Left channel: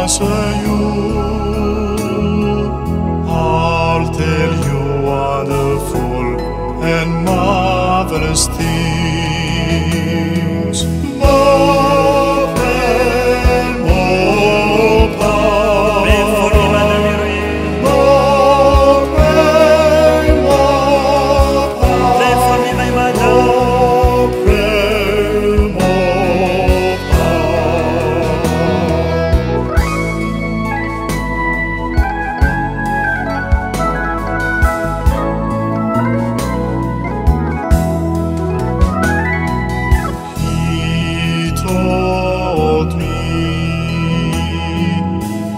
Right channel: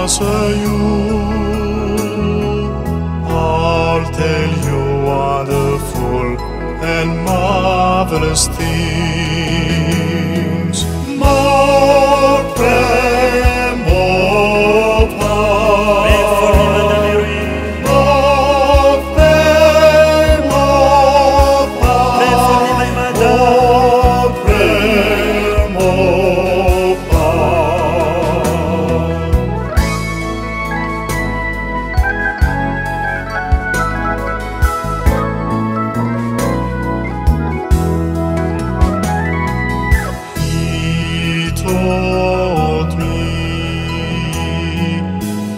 answer you. I'll tell you wonderful and marvelous things. More prayer, more power. Pray for me, Madame Héroïne. More prayer, more power. Pray for me, my madame. More prayer, more power. He taught me,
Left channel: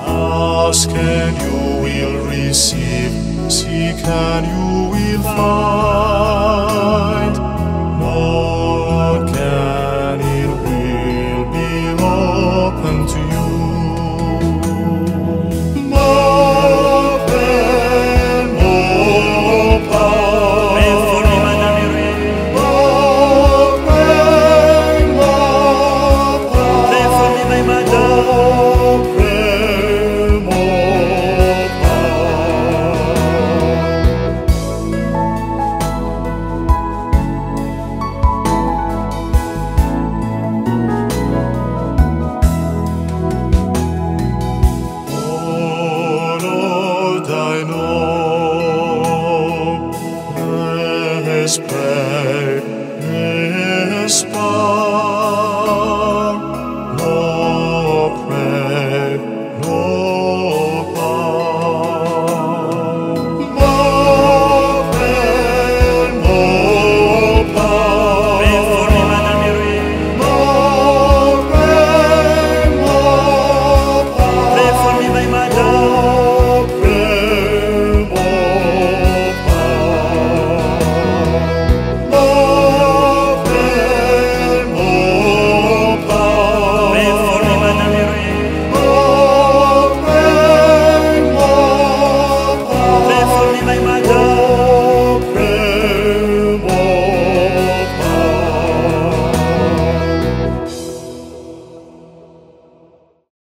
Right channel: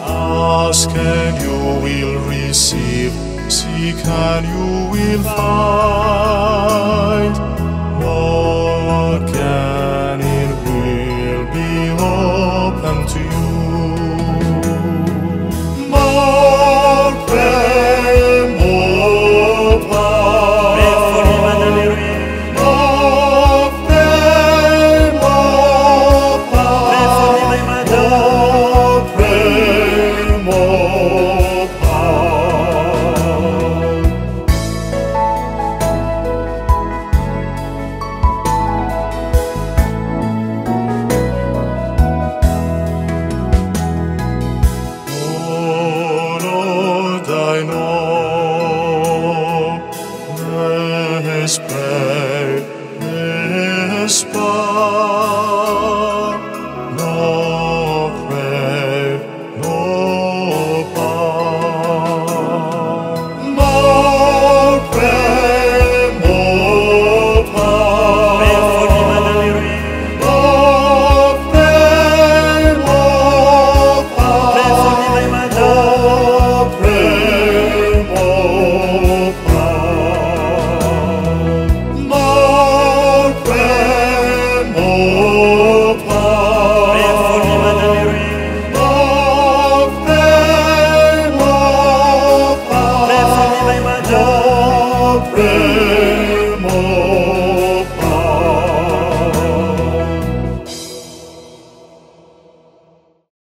ask and you will receive, seek and you will find, knock and it will be open to you.